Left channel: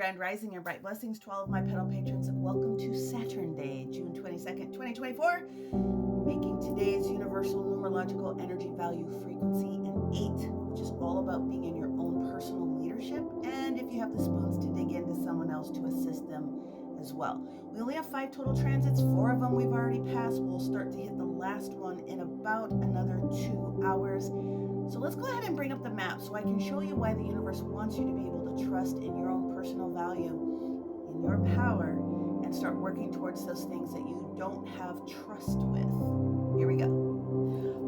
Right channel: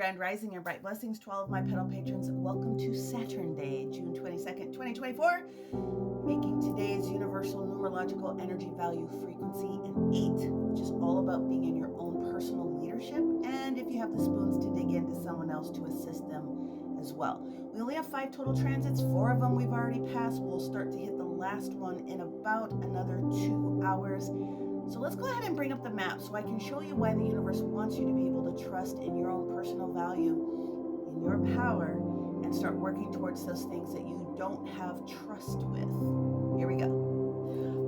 Grand Rising and bright blessings to all of my pedal patrons. Welcome to Saturn Day, June 22nd, 2024, making today's universal numerological energy value frequency an 8, which is all about being in your own personal leadership, and if you have the spoons, to dig into someone else to assist them as well. We only have 5 total transits. 4 of them we've already passed. We'll start to hit the last one in about another 2 hours. So let's go ahead and bring up the map so I can show you why the universe wants you to be able to trust in your own personal value, in your power, and start working towards those things that you don't have trust with. Here we go.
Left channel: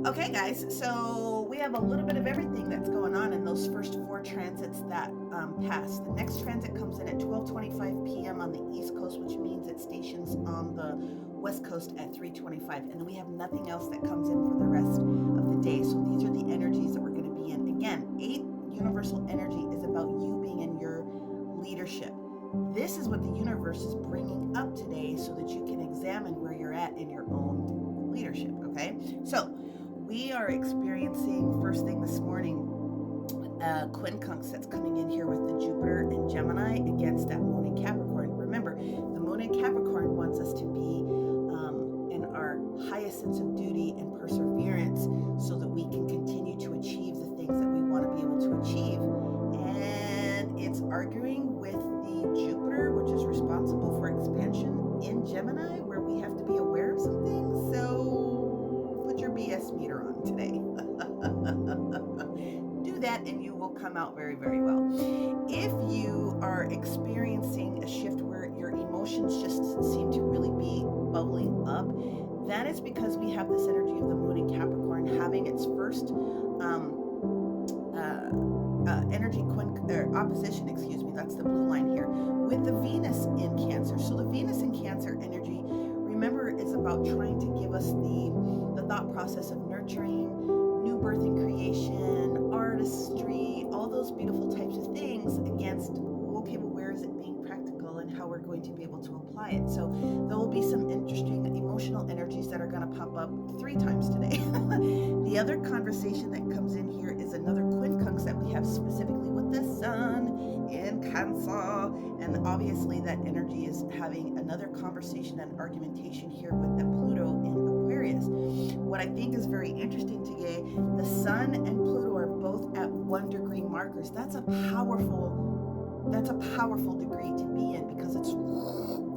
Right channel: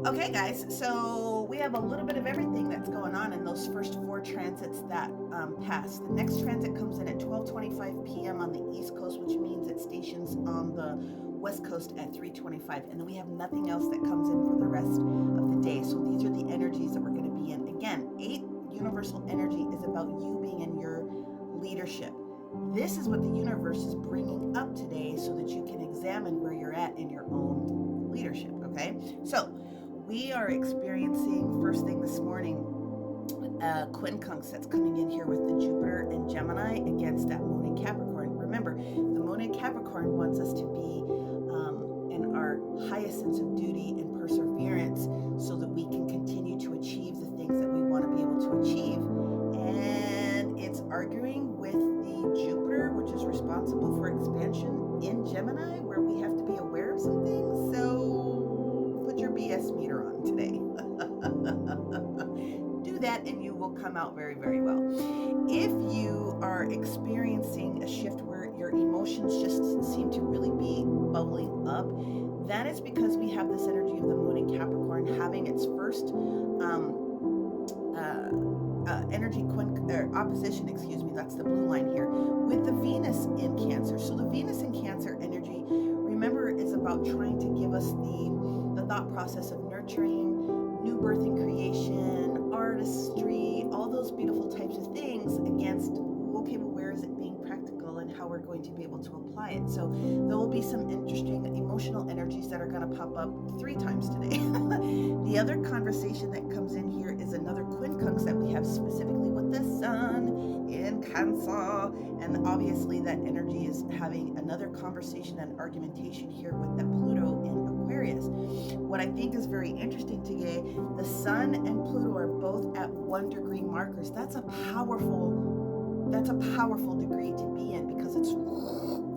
Okay, guys, so we have a little bit of everything that's going on in those first 4 transits that pass. The next transit comes in at 12:25 p.m. on the East Coast, which means it stations on the West Coast at 3:25, and then we have nothing else that comes in for the rest of the day. So these are the energies that we're going to be in. Again, 8 universal energy is about you being in your leadership. This is what the universe is bringing up today so that you can examine where you're at in your own leadership, okay? So we are experiencing, first thing this morning, quincunx that's coming in here with the Jupiter and Gemini against that moon in Capricorn. Remember, the moon in Capricorn wants us to be in our highest sense of duty and perseverance so that we can continue to achieve the things that we want to be able to achieve. And it's arguing with the Jupiter, which is responsible for expansion in Gemini, where we have to be aware of some things. So put your BS meter on today. Do that and you will come out very, very well. If you are experiencing a shift where your emotions just seem to really be bubbling up, that is because we have this energy of the moon in Capricorn having its first energy opposition, that's the blue line here, with the Venus in Cancer. So the Venus in Cancer energy, remember, is about trying to give us the thought process of nurturing, new birth and creation, artistry, all those beautiful types of things against, okay, well, where is it being practical and how we're going to be able to apply it? So there will be some interesting emotional energies that are going to pop up 3 times today. The other conversation that comes in here is another quincunx that we have specifically with the sun in Cancer, and obviously that energy is having another conversation and argumentation here with that Pluto in Aquarius. What I think is very interesting today, the sun and Pluto are both at 1-degree markers. That's a powerful degree to be in, because it's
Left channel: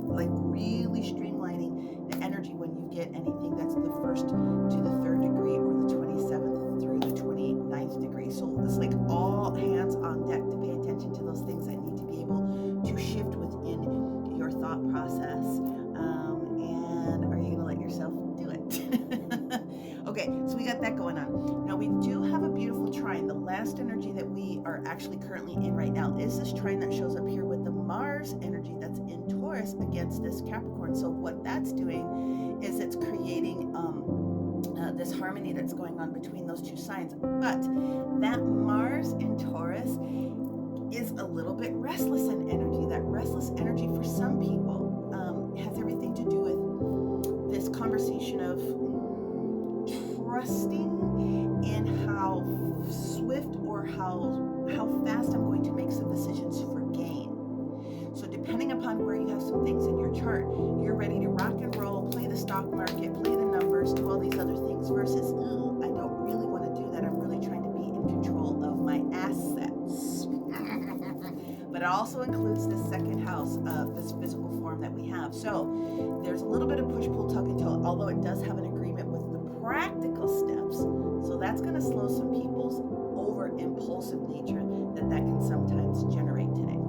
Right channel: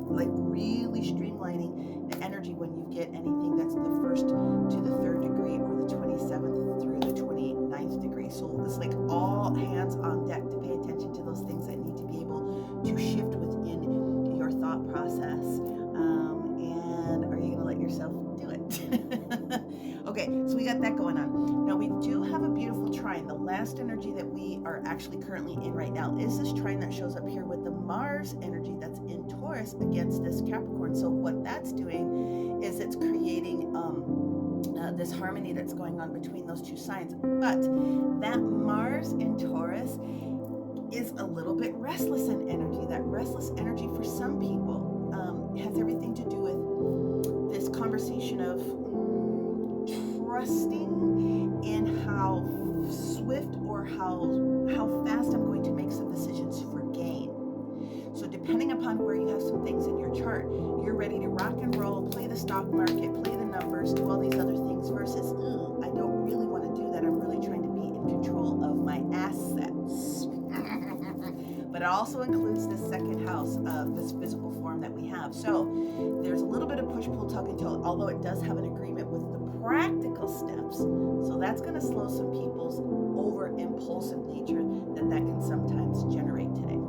like really streamlining the energy when you get anything that's the 1st to the 3rd degree or the 27th through the 29th degree. So it's like all hands on deck to pay attention to those things that need to be able to shift within your thought process. And are you going to let yourself do it? Okay, so we got that going on. Now we do have a beautiful trine. The last energy that we are actually currently in right now is this trine that shows up here with the Mars energy that's in Taurus against this Capricorn. So what that's doing is it's creating this harmony that's going on between those 2 signs. But that Mars in Taurus is a little bit restless in energy. That restless energy for some people has everything to do with this conversation of trusting in how swift or how fast I'm going to make some decisions for gain. So depending upon where you have some things in your chart, you're ready to rock and roll, play the stock market, play the numbers, do all these other things, versus, I don't really want to do that. I'm really trying to be in control of my assets. But it also includes this 2nd house of this physical form that we have. So there's a little bit of push, pull, tug, and toe, although it does have an agreement with the practical steps. So that's going to slow some people's over impulsive nature that can sometimes generate today.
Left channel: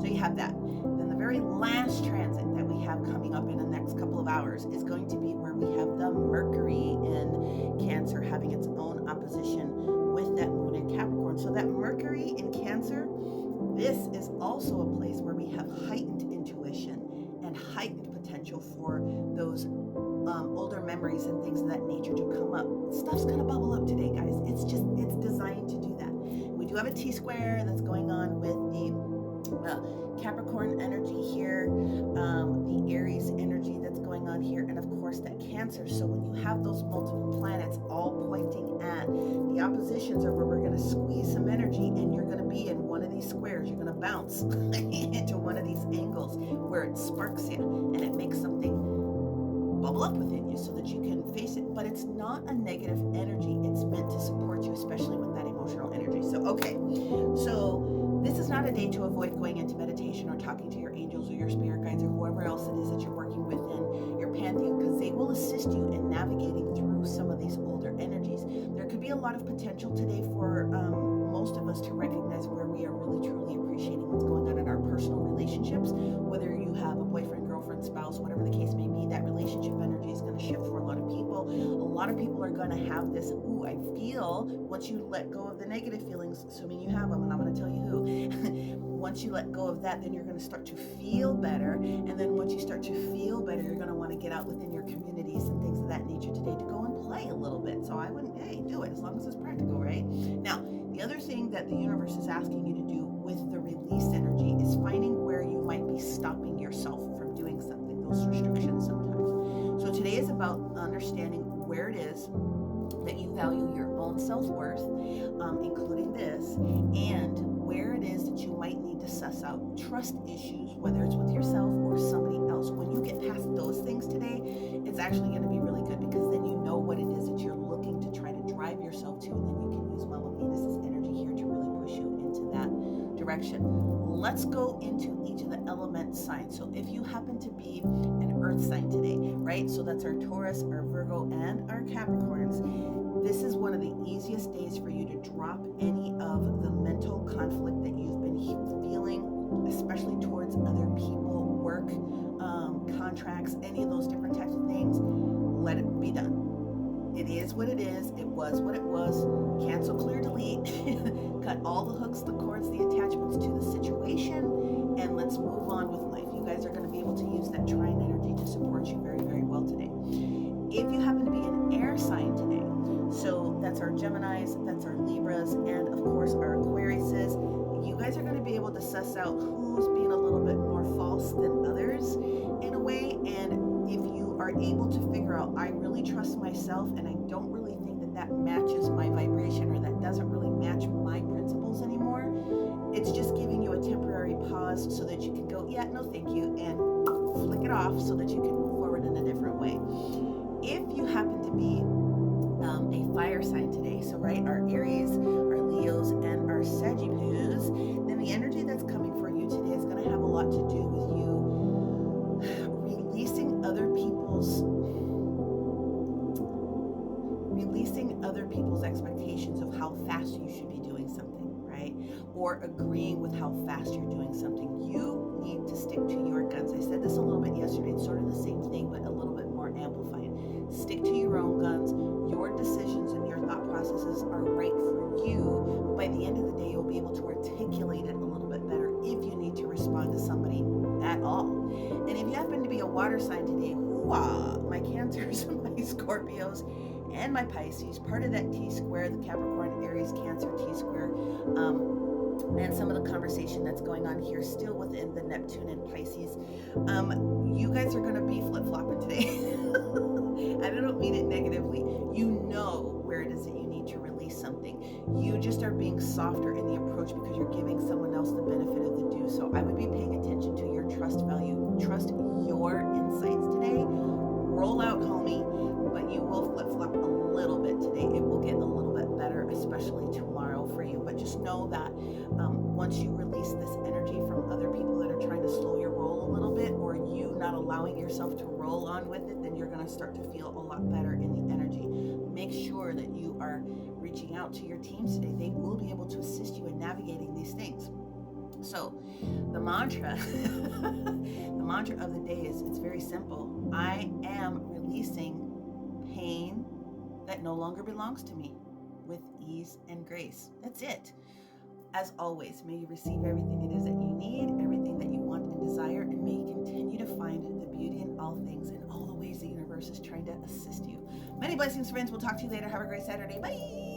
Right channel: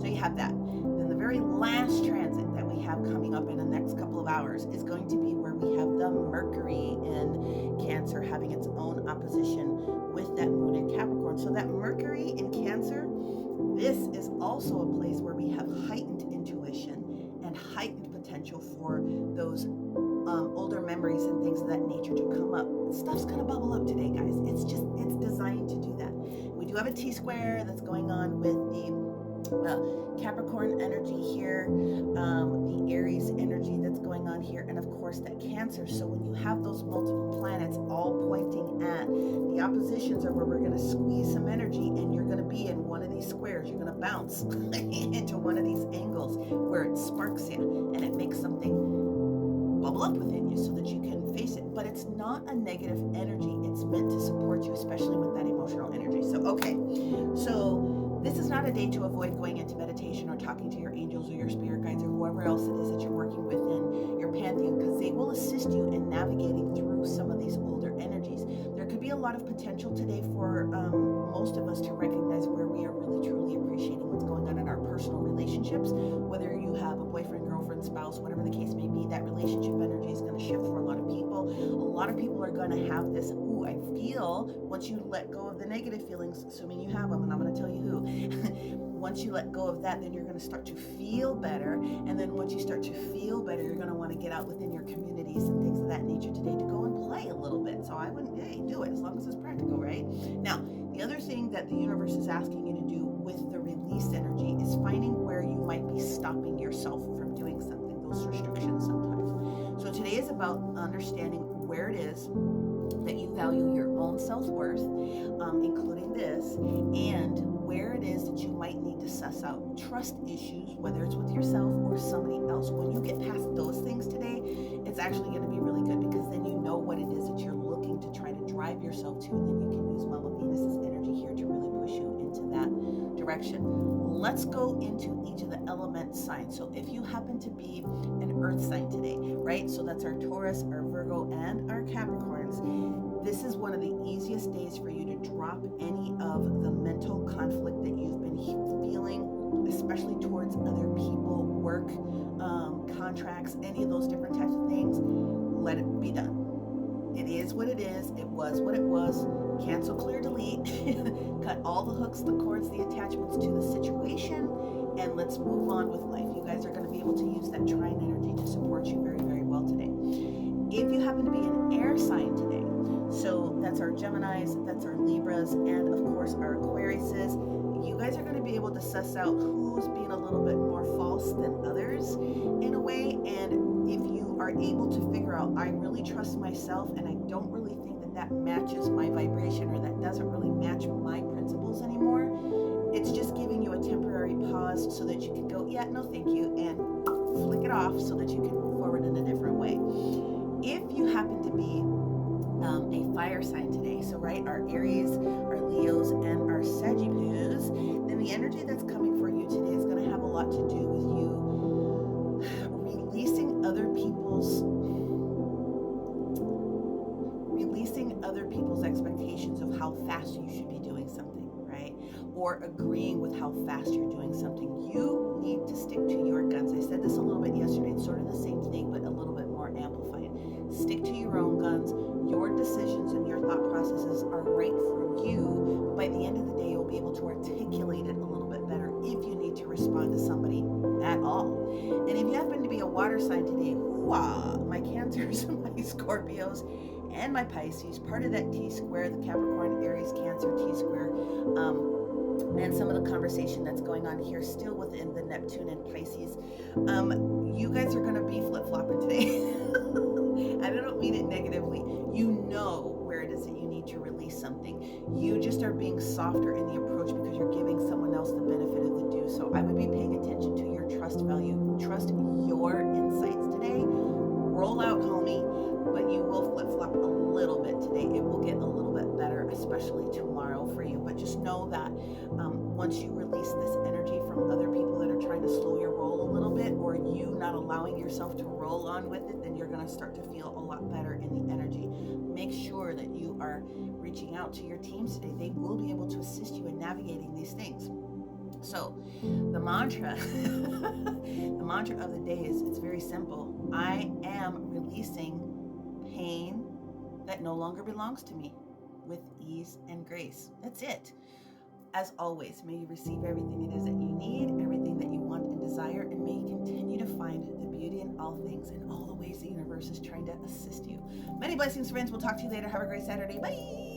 So you have that. Then the very last transit that we have coming up in the next couple of hours is going to be where we have the Mercury in Cancer having its own opposition with that moon in Capricorn. So that Mercury in Cancer, this is also a place where we have heightened intuition and heightened potential for those older memories and things of that nature to come up. Stuff's going to bubble up today, guys. It's designed to do that. We do have a T-square that's going on with the Capricorn energy here, the Aries energy that's going on here, and of course that Cancer. So when you have those multiple planets all pointing at, the oppositions are where we're going to squeeze some energy, and you're going to be in one of these squares. You're going to bounce into one where it sparks you and it makes something bubble up within you so that you can face it. But it's not a negative energy. It's meant to support you, especially with that emotional energy. So, okay. So this is not a day to avoid going into meditation or talking to your angels or your spirit guides or whoever else it is that you're working with in your pantheon, because they will assist you in navigating through some of these older energies. There could be a lot of potential today for most of us to recognize where we are really truly appreciating what's going on in our personal relationships. Whether you have a boyfriend, girlfriend, spouse, whatever the case may be, that relationship energy is going to shift for a lot of people. A lot of people are going to have this, ooh, I feel, once you let go of the negative feelings, assuming you have them, and I'm going to tell you who. Once you let go of that, then you're going to start to feel better. And then once you start to feel better, you're going to want to get out within your communities and things of that nature today to go and play a little bit. So I wouldn't, hey, do it as long as it's practical, right? Now, the other thing that the universe is asking you to do with the release energy is finding where you might be stopping yourself from doing something, those restrictions sometimes. So today is about understanding where it is that you value your own self-worth, including this, and where it is that you might need to suss out trust issues, whether it's with yourself or somebody else. When you get past those things today, it's actually going to be really good, because then you know what it is that you're looking to try to drive yourself to, and then you can use Mama Venus's energy here to really push you into that direction. Let's go into each of the element signs. So if you happen to be an earth sign today, right? So that's our Taurus, our Virgo, and our Capricorns. This is one of the easiest days for you to drop any of the mental conflict that you've been feeling, especially towards other people, work, contracts, any of those different types of things. Let it be done. It is what it is. It was what it was. Cancel, clear, delete. Cut all the hooks, the cords, the attachments to the situation, and let's move on with life. You guys are going to be able to use that trine energy to support you very, very well today. If you happen to be an air sign today, so that's our Geminis, that's our Libras, and of course our Aquariuses, you guys are going to be able to suss out who's being a little bit more false than others in a way. And if you are able to figure out, I really trust myself and I don't really think that that matches my vibration, or that doesn't really match my principles anymore, it's just giving you a temporary pause so that you can go, yeah, no thank you, and flick it off so that you can move forward in a different way. If you happen to be a fire sign today, so right, our Aries, our Leos, and our Sagittarius, then the energy that's coming for you today is going to have a lot to do with you releasing other people's expectations of how fast you should be doing something, right? Or agreeing with how fast you're doing something. You need to stick to your guns. I said this a little bit yesterday. It's sort of the same thing, but a little bit more amplified. Stick to your own guns. Your decisions and your thought processes are right for you, but by the end of the day, you'll be able to articulate it a little bit better if you need to respond to somebody at all. And if you happen to be a water sign today, my Cancers, my Scorpios, and my Pisces, part of that T-square, the Capricorn, Aries, Cancer T-square, and some of the conversation that's going on here still within the Neptune and Pisces, you guys are going to be flip-flopping today. And I don't mean it negatively. You know where it is that you need to release something. You just are being softer in the approach because you're giving someone else the benefit of the do. So I would be paying attention to your trust value. Trust your insights today. Roll out, homie. But you will flip-flop a little bit today. It will get a little bit better, especially tomorrow for you. But just know that once you release this energy from other people that are trying to slow your roll a little bit, or you not allowing yourself to roll on with it, then you're going to start to feel a lot better in the energy. Make sure that you are reaching out to your teams today. They will be able to assist you in navigating these things. So the mantra, the mantra of the day is, it's very simple. I am releasing pain that no longer belongs to me with ease and grace. That's it. As always, may you receive everything it is that you need, everything that you want and desire, and may you continue to find the beauty in all things and all the ways the universe is trying to assist you. Many blessings, friends. We'll talk to you later. Have a great Saturday. Bye.